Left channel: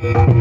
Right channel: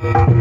Thank you.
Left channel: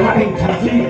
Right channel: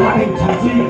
selain janji.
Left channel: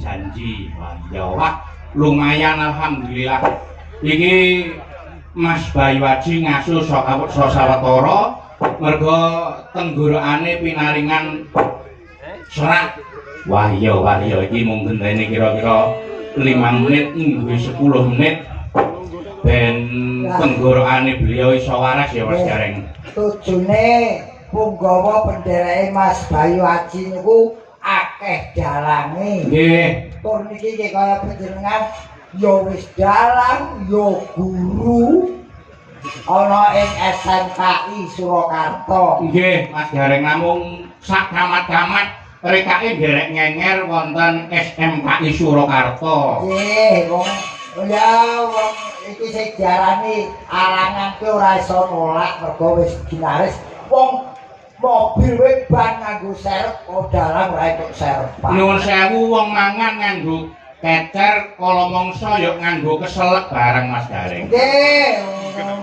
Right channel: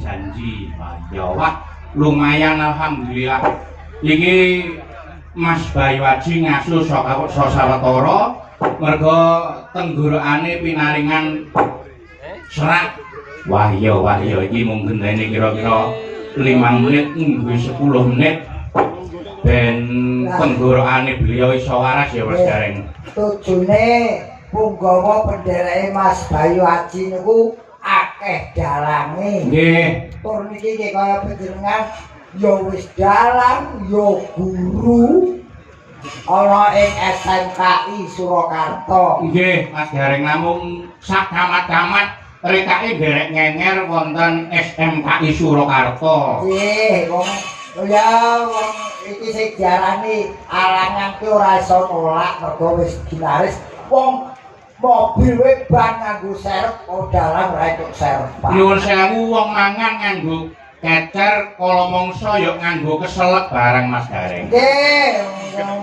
Janji. Wah, lumayan alhamdulillah. Iki Mas Bayu Aji ngaso sawetara mergo tenggorokane pinaringan serak. Wah iya iki mung gendene kira-kira 5 menit nggo 10 menit ben tenggorokane beliau iso waras ya Mas Gareng. Tujune punggawa pendereke Mas Bayu Aji niku akeh dalange. Nggih. Tur niki kaya panjenengan ya wis dalang, ya guru ana ing SMKI Surakarta. Nggih, Mas Gareng namung sak camat-camat rekake derek ngenger wonten SMKI Surakarta. Nggih, wong iki sing diarani alangan ki ora iso nolak mergo wis ginaris wong mobil wae ban nganggo serep dalang ra entuk serep. Nuwun sewu wong mangan nganggo kecer kala mangsa ya nganggo keselek barang Mas Gareng. Nggih,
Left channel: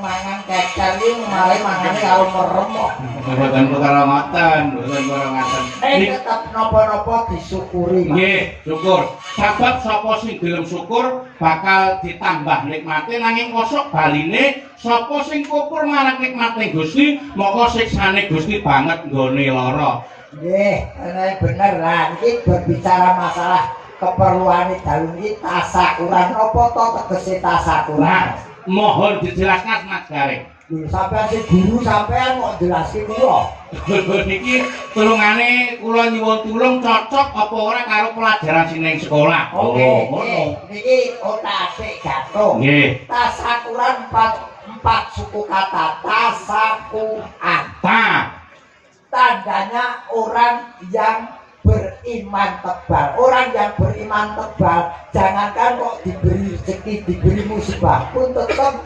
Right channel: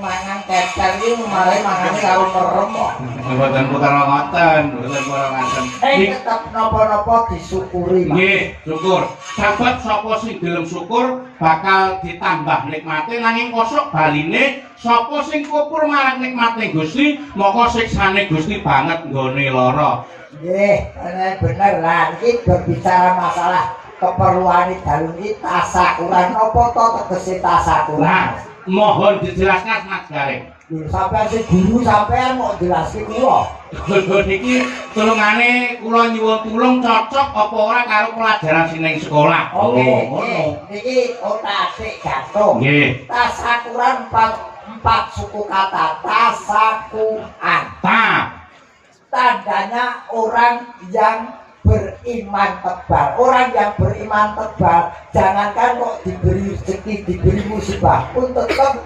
mangan kecer iki malah mangan karo merem kok. Mboten putra ngoten, mboten putra ngoten. Tetep napa-napa disyukuri. Nggih, syukur. Sebab sapa sing gelem syukur bakal ditambah nikmate nanging kosok baline sapa sing kukur marang nikmate Gusti, moko siksane Gusti banget nggone lara. Nggih, bener lah. Iki berbicara masalah keperluan dalu iki tasakuran apa to tegese tasakuran. Nah, mohon dijelaskan Mas Gareng. Sampeyan sing guru sampeyan mau jelaske kula. Niki tulungane kula nyuwun tulung cocok apa ora karo pelajaran sing ning sekolah. Ngono. Niki otak jatuh. Nggih. Tasakuran empat suku kata tasakuran. Ta. Tandanya orang yang beriman tebal. Orang yang beriman tebal, jangankan kok diberi rezeki, diberi musibah pun tetap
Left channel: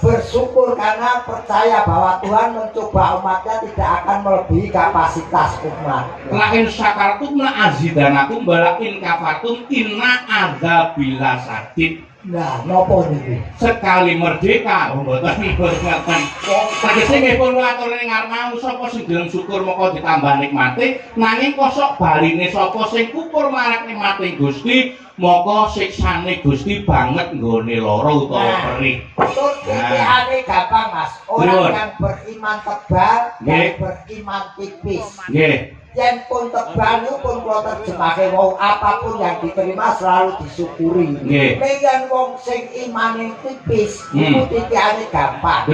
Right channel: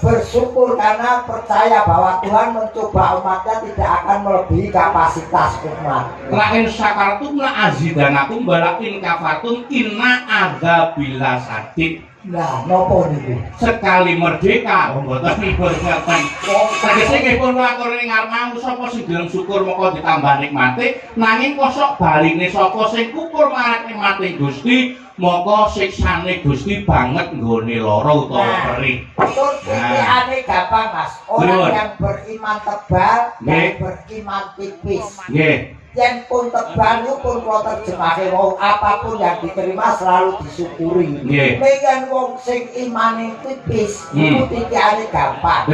bersyukur karena percaya bahwa Tuhan mencoba umatnya tidak akan melebihi kapasitas umat. Lain syakartum na azidanakum balakin kafartum inna adzabila sadid. Nah, nopo niku? Sekali merdeka, mboten ngaten. Tegese nggih pun matur ing ngarep sapa sing gelem syukur moko ditambah nikmate, nanging kosok baline sapa sing kukur marang nikmate Gusti, moko siksane Gusti banget nggone lara utawa perih. Tur pikirane gampang, Mas. Orang yang beriman tebal, yang beriman tipis. Nggih. Yang pun tebal itu pun kalau terjemahkan wong apapun yang diterima selalu disyukuri. Yang wong sing imane tipis itu titiane gampang.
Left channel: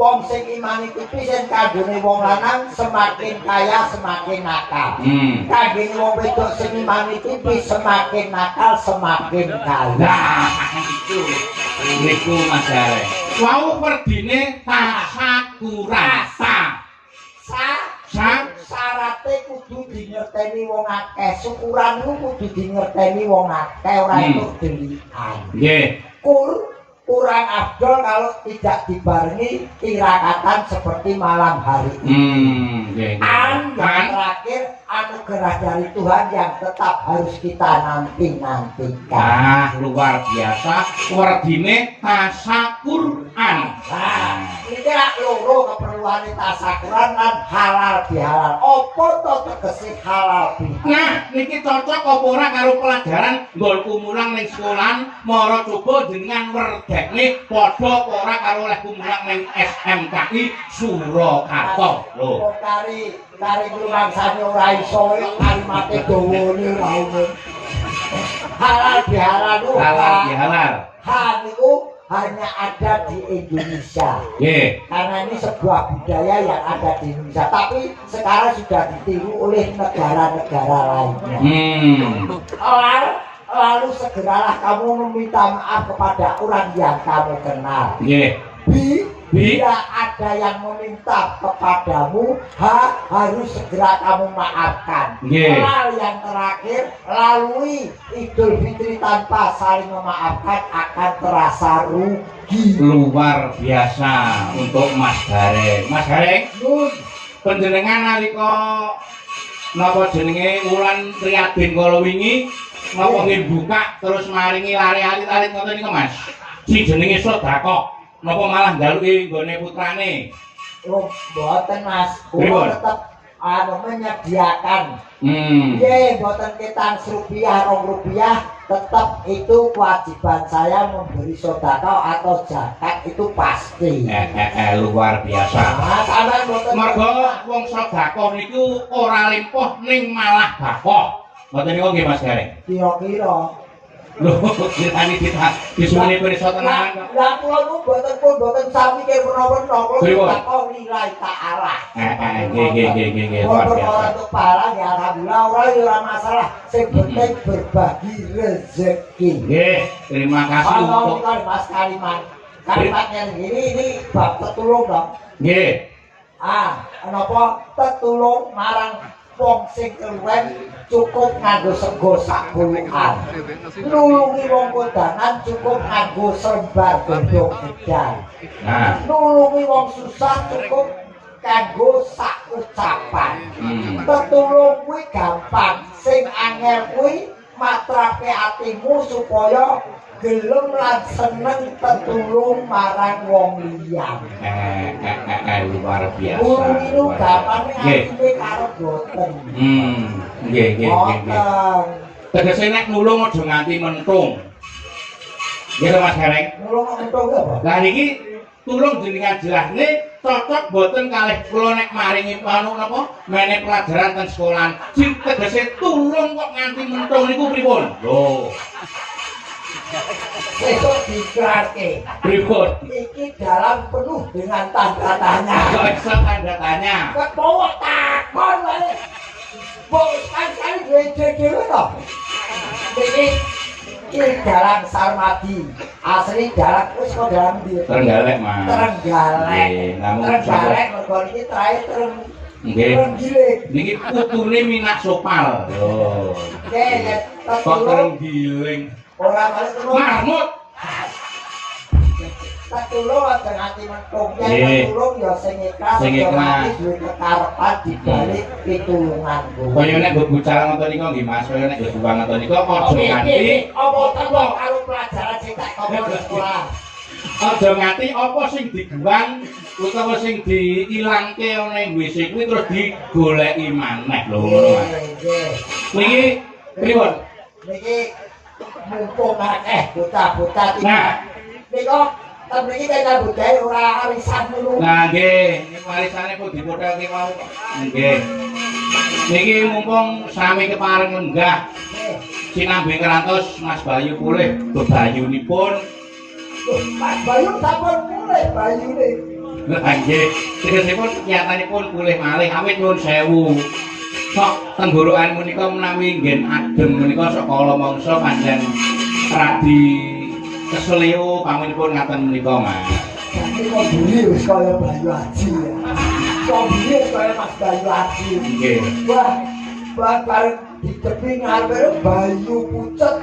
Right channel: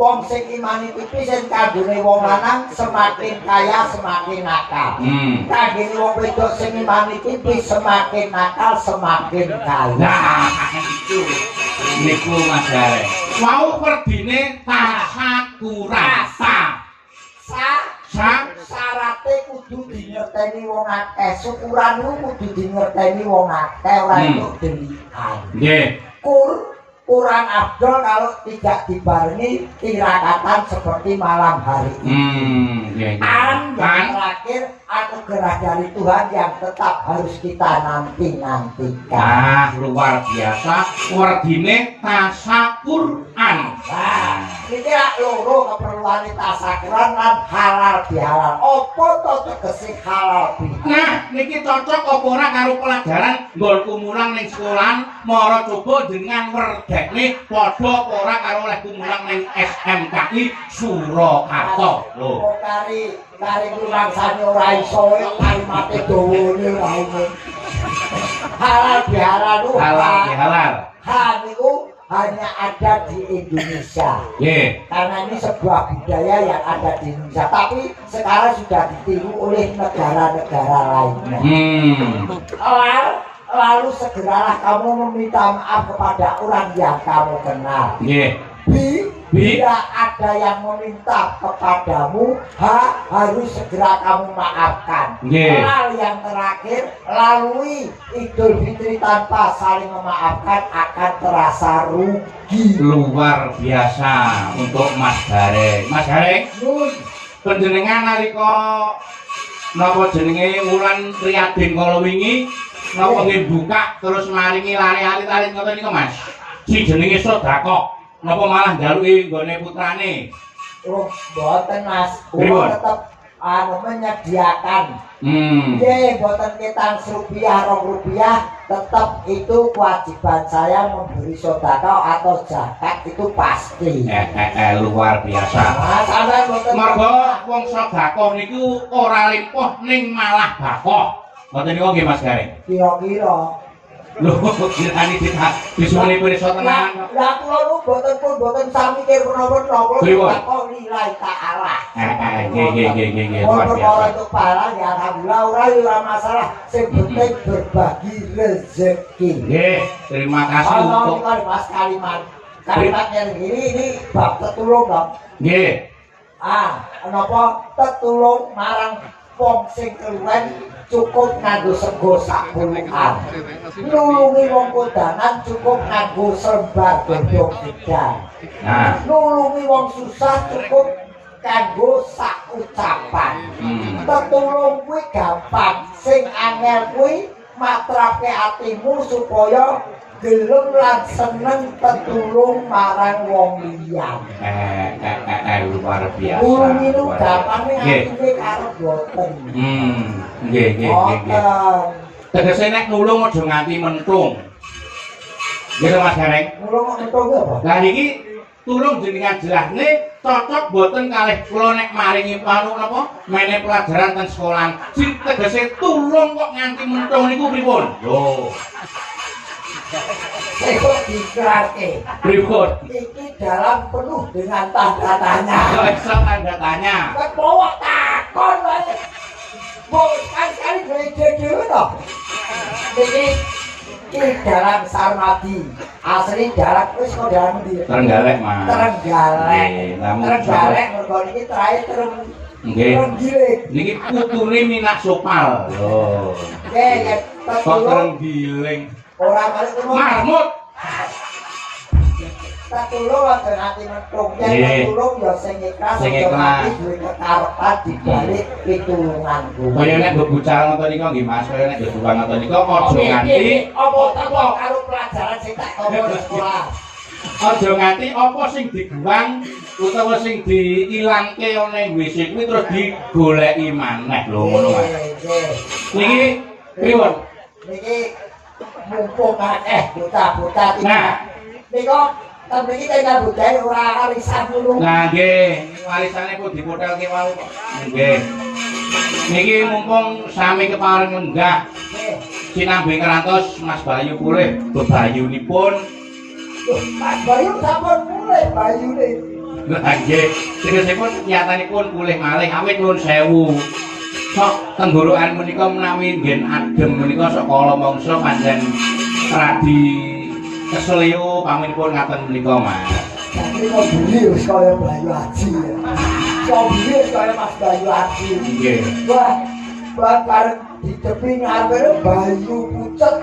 Wong sing imane tipis yang kagune wong lanang semakin kaya semakin nakal. Kagune wong wedok sing imane tipis semakin nakal semakin kaya. Nah, itu niku Mas Gareng. Wau werdine tasakuran. Syaratnya kudu dingerteni wong akeh, syukuranmu kudu dingerteni wong akeh, ora itu delikan. Nggih. Kurang afdol kalau tidak dibarengi tirakatan seperti malam hari ini. Yang terakhir anugerah dari Tuhan yang tetap harus kita nantikan. Ah, luar biasa. Werdine tasakuran. Nah, ini loro keperluan tasakuran kan halal bihalal. Apa to tegese halal bihalal? Nah, niki cocok apa ora karo pelajaran nggolku mulang ning sekolahan mara coba dengan werdekne padha apa ora karo olehku mulang ning SMKI Surakarta. Lho. Kari rumangsane ora iso kalimate dawane wae. Halal bihalal itu Halal bihalal. Hal itu hanya ada di Indonesia. Karena ini sebuah budaya yang ada di Indonesia, tapi sekarang sudah ditiru oleh negara-negara lainnya. Lalu segeralah kamu meminta maaf kepada orang yang kamu kenal. Bila ada yang meminta kepadamu, harus segera kamu maafkan. Lalu yang terakhir, lalui Idul Fitri tanpa saling memaafkan akan terasa rugi. Luar biasa untuk Mas Gareng. Mas Gareng, panjenengan nalika napa jenenge wulan Riyadin kala wingi napa nggih buka terus maringi lari-alit ngoten niku Mas. Si jenenge sedekah. Napa malah njaluki nggone putrane? Oh, mboten Mas. Kula tetep menyediakan. Nggih, mboten ketang rupiah, rupiah, tetap itu kewajiban saya memberi sedekah atau zakat itu pasti. Luar biasa. Mas, ana mboten. Mergo wong sedekah niku ora limpah ning malah bakoh. Ngoten niku nggih Mas Gareng. Kira-kira Lho, kirani disuni pirsa tenan. Lah kula nu boten sami kira menapa-menapa kula takon nilai ta'ala. Nggih. Luar biasa. Untuk barang ya alhamdulillah ora masalah. Sing penting berbagi rezeki. Nggih, terima kasih untuk Mas Kalimat. Kalimat yang ini bab tetulung dong. Nggih. Napa tetulung marang wong sing keluwen cukup nganggo sego sak bulukan. Nulungi wong kodanan cukup nganggo sembar godhong gedang. Nah, nulungi wong susah cukup kanggo sak ucapan. Tetulung kuwi gampang, sing angel kuwi matrape atimu supaya gelem lan seneng tetulung marang wong liya. Luar biasa. Nulungi gampang nek karo boten. Nggih. Tegese nek nulung aja nganti mentung. Nggih Mas Gareng. Nulung mentung apa? Lah niki tulung jenengan jelasne cocok boten kalih kula nek maringi napa mene pelajaran ten sekolahan. Sing tegese tulung kok nganti mentung niku pripun? Lho. Itu dikerake. Pripun? Iki dalam penuh dengan tanda tanya. Kok iso tanda tanya? Kebawa takon wae. Wong sekali dhewe to. Iki dalam Sarmadi. Asli dalam wis kok dalam ndi? Trenggalek, Mas. Trenggalek. Nggih, namun Trenggalek mergo iki terakhir Nggih. Giling. Niki putune Minak Sopal. Lho. Nggih, ya Kok terenggiling. ora malih ngono. Mahmud. Tak tulung aja nganti mentung. Nggih. Yen tulung ya sing ikhlas. Sing ikhlas. Duwe kekarepan dibalik pitulunganku. Kaya nek bebucal ngoten nika nggih Mas, kaya nek bebucal ngoten nika aja nganti apa teko karo pelajaran sing tak tomo di sekolah. aja nganti apa sing diguwang utawa sing diilangke ana ing WC kuwi terus digoleki maneh lho ngono Mas. Nggih. Niki pripun? Niki mumpung akeh bocah-bocah iki. Nah. Nika mriki kaya budaya ora arisan ngono. Nah nggih, niku warisane pun dipothelke wae kok. Nggih. Niki mumpung sami kepareng lenggah Nggih. sinambi kerantos Mas Bayu pulih bebayunipun. Loh, Mas Bayu sampun mulai bayune. Lah nggih, tegesipun nyatanipun pulih malih awit nuwun sewu. Sok tenggorokan menika menawi nggen adem menika sok kala mangsa pancen radi keselio paminipun ngaten menika Mas. Jadi kok buli wis kaya Bayu Aji. Kok buli wis kaya Mas Bayu Aji. Nggih. Wah bareng di tepi ngarep Bayu pucet.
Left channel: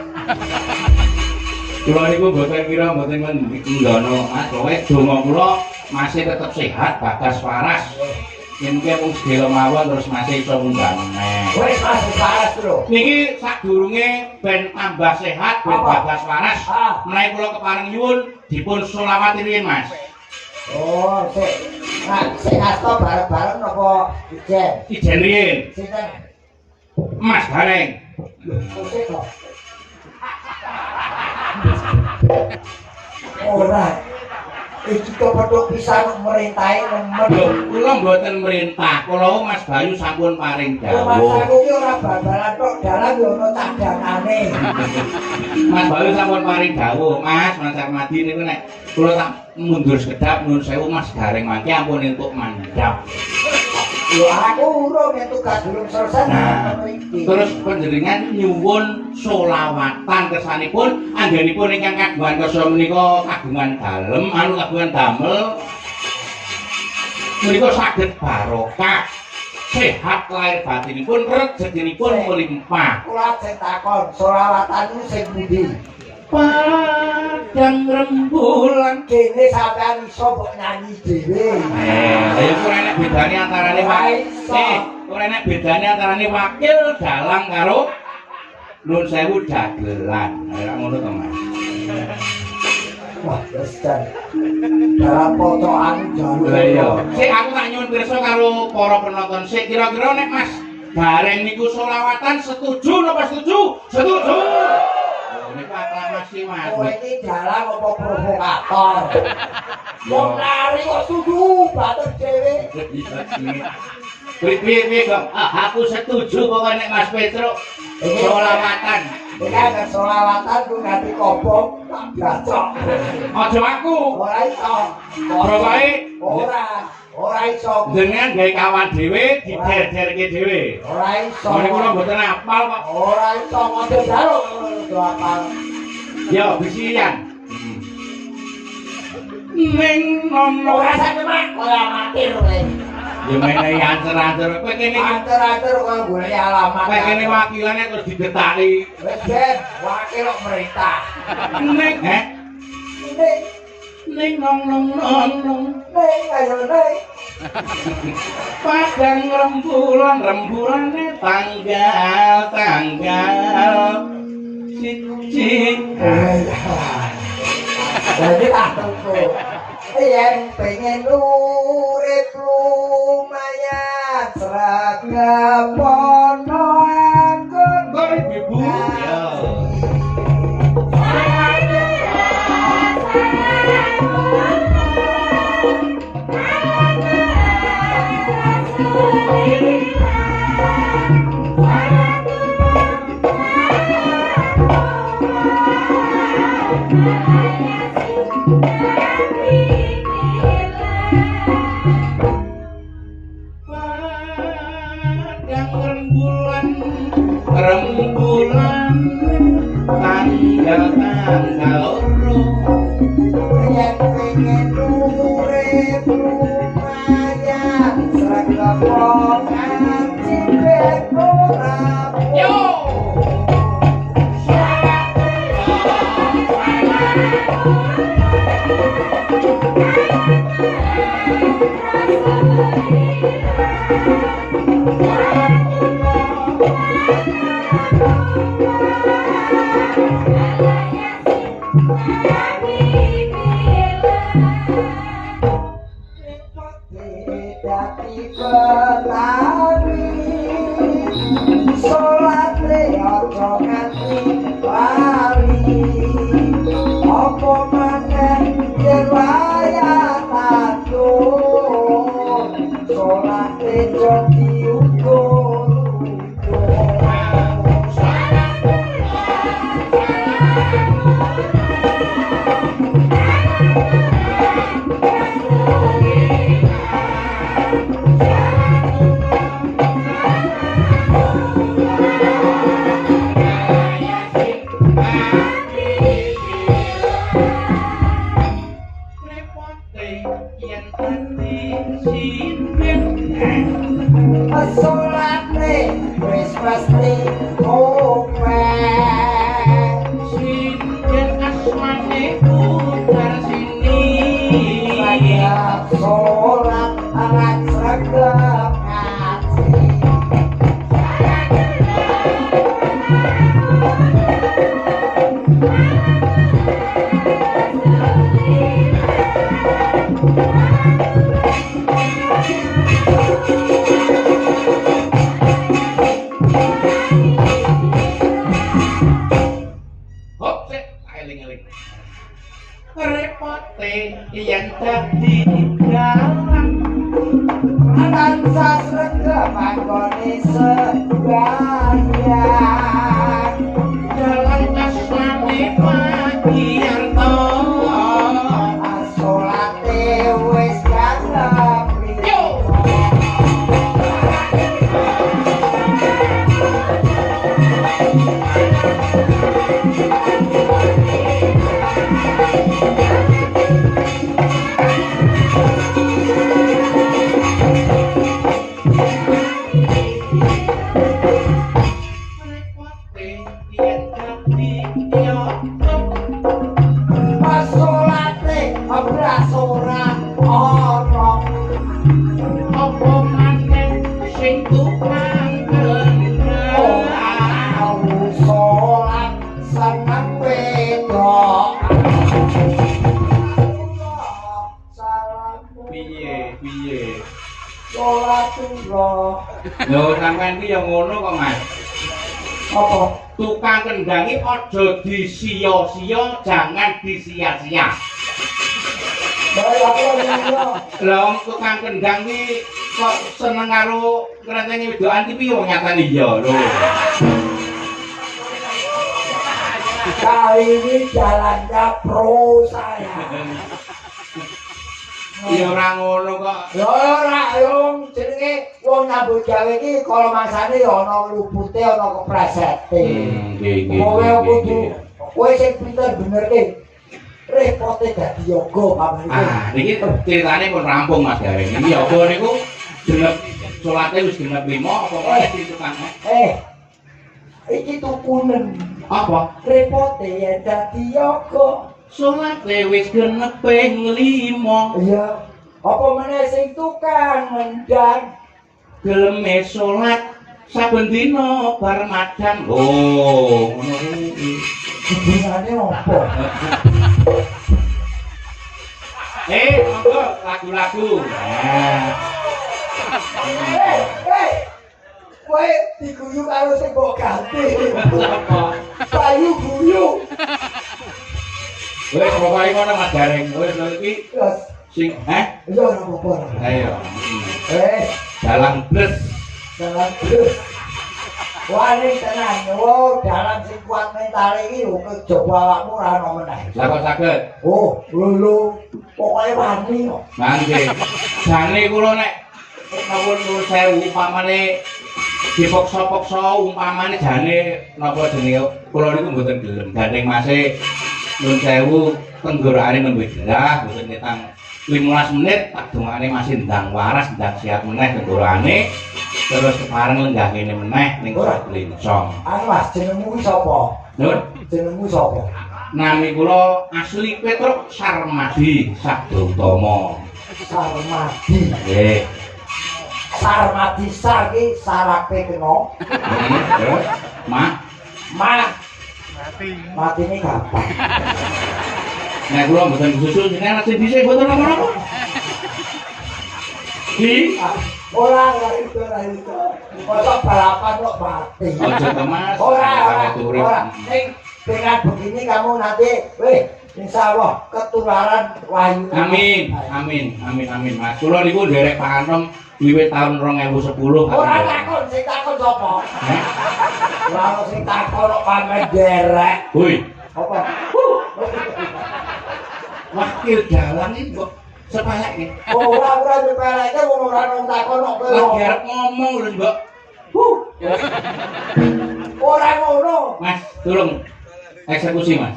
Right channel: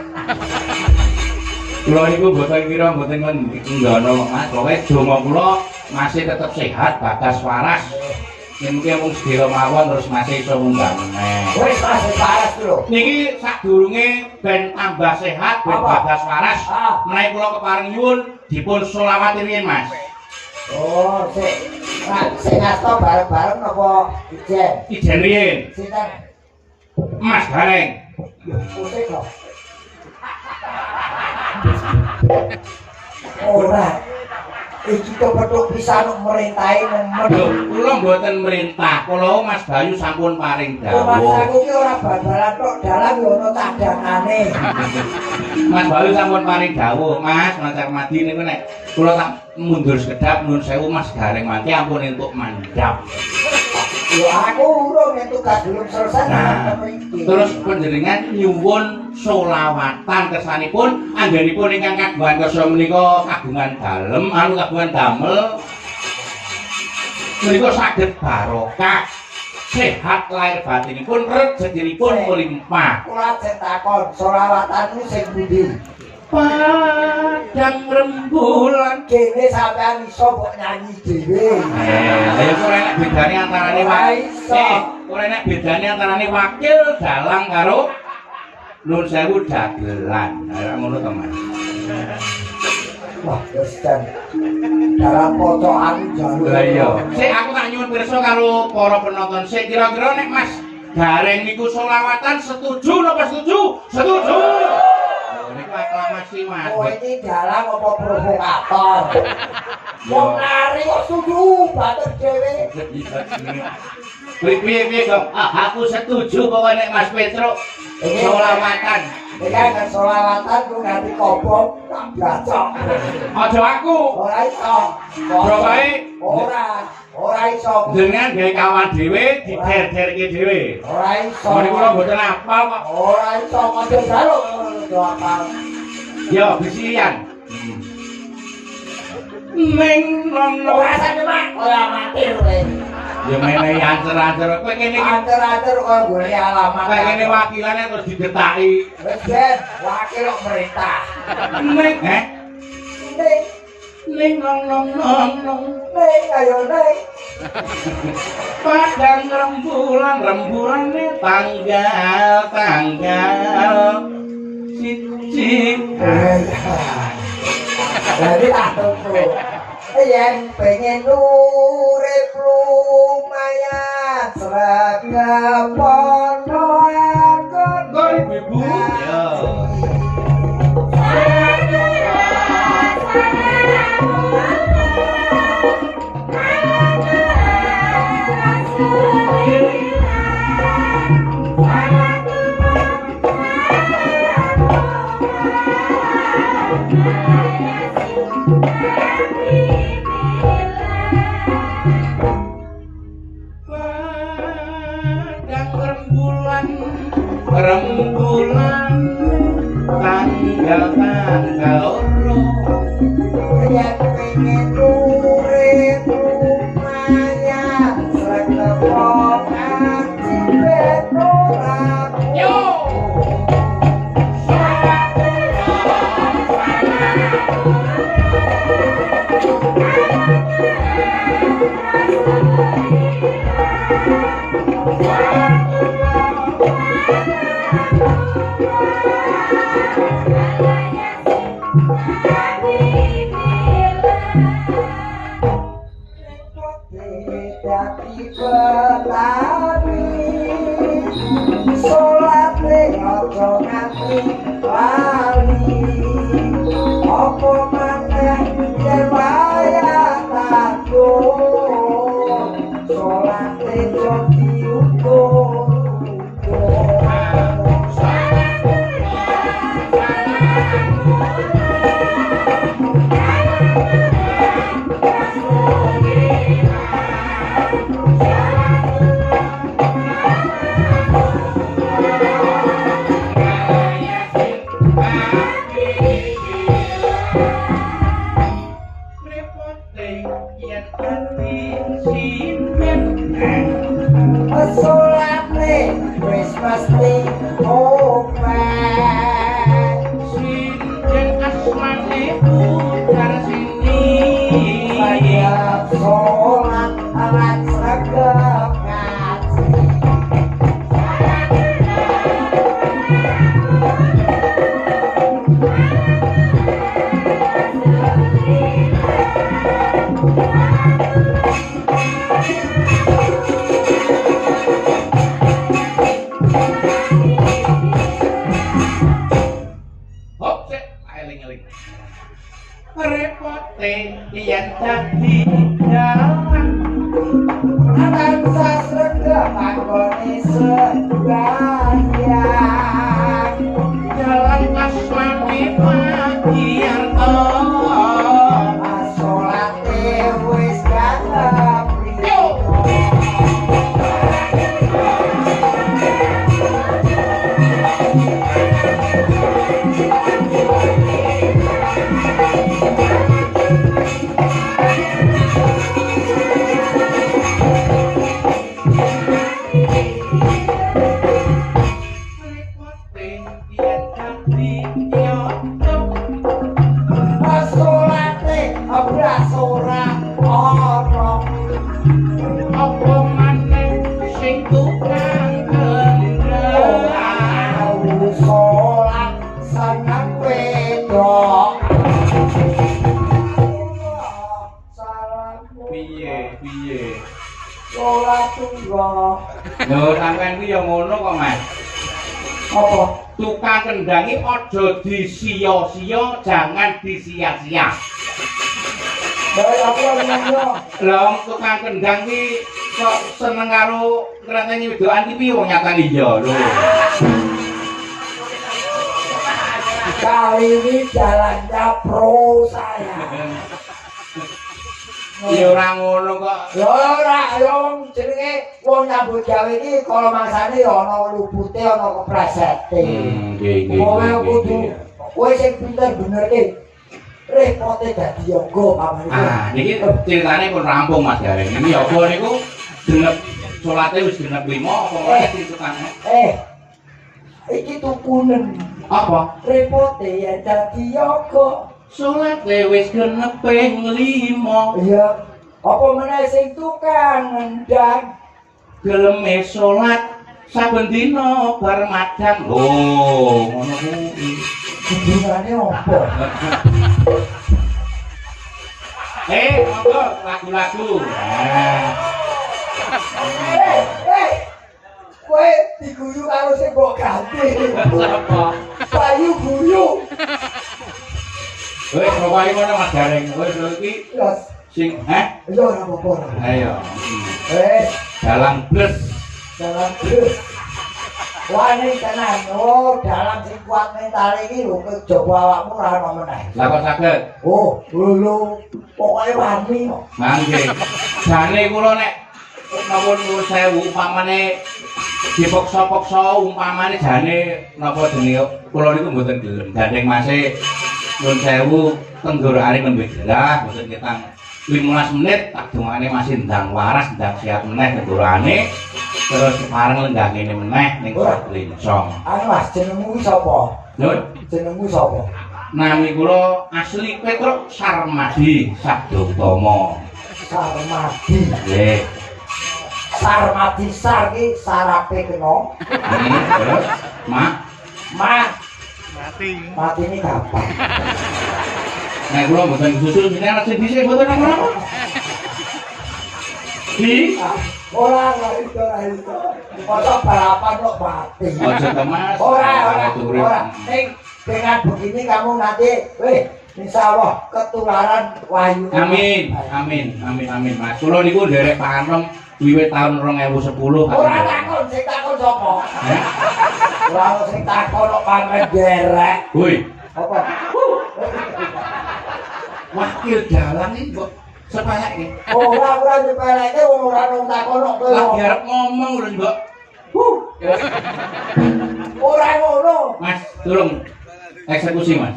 Kula niku mboten kira mboten nggono Mas, pokoke donga kula masih tetep sehat bagas waras. Yen ki wong sedaya mawon terus masih iso munggah meneh. Wis Mas waras lho. Niki sadurunge ben tambah sehat ben bagas waras. Menawi kula kepareng nyuwun dipun selawat riyin Mas. Oh, sing ngasto bareng-bareng napa ijen? Ijen riyin. Sinten? Mas Gareng. Pusing kok. Ora. Iki kok petuk pisan merintahe nemen. Lho, kula mboten merintah. Kula Mas Bayu sampun paring Mas dawuh. aku ki ora badalan tok dalan yo ono cadangane. Mas Bayu sampun paring dawuh, Mas, Mas Armadi niku nek kula tak mundur sekedap nuwun sewu Mas Gareng mangke ampun entuk mandhap. Yo aku urung yen tugas belum selesai Nah, mriki. terus panjenengan nyuwun selawatan kersanipun anggenipun ingkang kagungan kersa menika kagungan dalem, kagungan damel menika saged barokah, sehat lahir batinipun, rezekinipun melimpah. Kula ajeng takon, selawatanmu sing pundi? Padang rembulan. Kene sampean iso mbok nyanyi dhewe. Ya ora enek bedane antarane ora enek bedane antarane wakil dalang karo nun sewu dagelan. Ora ngono to, Mas. Wah, wis jan. Dalam pocokan jalur. Lah iya. Sik aku tak nyuwun pirsa karo para penonton. Sik kira-kira nek Mas Gareng niku selawatan setuju napa setuju? Setuju. Niku aklamasi Mas. Oh, ini dalang apa provokator? Wong lari kok setuju batur dhewe. Piye kok aku setuju pokoke nek Mas Petro selawatan. Iki kan selawatan ku nganti kobong tak bacok. Aja aku. Ora iso. Pokoke ora iso. jenengan gawe kawan dhewe dider-derke dhewe. Ora iso. Mun kula mboten apal kok. Ora iso ngono jaluk ngono apal. Ya bisian. Ning nono Ora sampe mak kaya amatir kowe. ya menehi ancer-ancer. Kowe kene iki Atur-atur kok golek alamat. kowe kene wakilane terus didetaki. Wis ben wakil kok merintah. Ning Ning ning nong ning ayo ning. padang rembulan-rembulane tanggal siji. Jadi atungku yen pengen urip lumayan seragam pono anggon Gorip ibu. Ya. rembulan tanggal loro yen pengen urip lumayan seragam Lho sampean iki ya ngono kok, Mas. Apa? Tukang kendangi aja disia-sia, jangan disia-sia. Lah wong tukang kendang iki kok seneng karo ngrenteni wedokan iki piye wong nyatane iya lho. Kali ini jalannya pro saya. Ya ora ngono kok. Ya ora, ya wong jenenge wong nyambut gawe iki kala mangsane ya ana lupute, ana kepresete. Nggih. Kowe kudu kowe sing pinter benerke. Repote dadi yoga pamane. Ah, niki ceritane pun rampung Mas Gareng. Iki yoga niku genep salate wis genep 5 apa meneh tukang. Iki tukunen. Apa? Repote ya dadi yoga. Salate wis genep ping 5. Iya. Apa meneh sing tukang ngendang Geleme salat saben dina bar madang. Lho, ngono kuwi. hubungane apa? Monggo lagu-lagu. Kowe diguyu karo sing mbok ganti. Sapa? Payu guyu. Wis pokoke ngono Mas Gareng. Wis lho iki Terus sing iya ora apa-apa. Ayo. Dalam Dalang terus. Wah ini tenan, dalam sing kuat mental iki lho kejaba awakmu ora ono meneh. Lah kok saged? Oh, lho. Pokoke wani kok. Nggih. Jane kula nek napa nuwun sewu umpamane dipaksa-paksa umpamane jane napa jenenge kula niku mboten gelem. Gandeng Mase nuwun sewu tenggorokane nembe gerah mboten ketang 15 menit tak dongane masih ndang waras ndang siap meneh tenggorokane terus kepareng lenggah ngene meneh ning lincong. Anu Mas jenengmu sapa? Nuwun. Jenengmu sapa? Nami kula asli Petruk Sarmadi Sabda Utama. Sarmadi. Nggih. Sarmadi sar ki sarape kena. Terus mak mati ini kapan? nek kula mboten susul jenengan sing dhisik mboten napa-napa. Di Ora itu. Masa balapan kok mati. aja temas. Ora. Ning dengan begini kamu nanti, insya Allah ketularan wahyu. Amin Mas. Kula niku nderek panem wiwit tahun 2010. Ora takon, sing takon sapa? Ora sing takon kok pamer derek. Woi, Apa? wakil dalang iki kok sepayake. Ora nyepeleke wong ora nang takon kok kowe. Lagi arep ngomong lho, Mbok. Ora ngono. Mas, tolong eksekusi, Mas.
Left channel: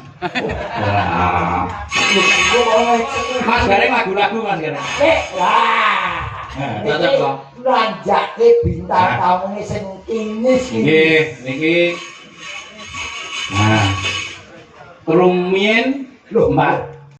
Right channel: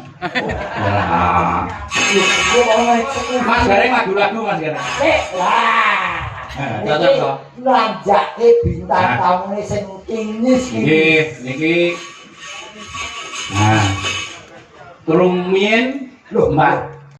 Wah. Mas Gareng lagu-lagu Mas Gareng. Wah. Cocok kok. Lanjake bintang tamu sing kinis Niki. Nah. Turung mien lho, Mbak.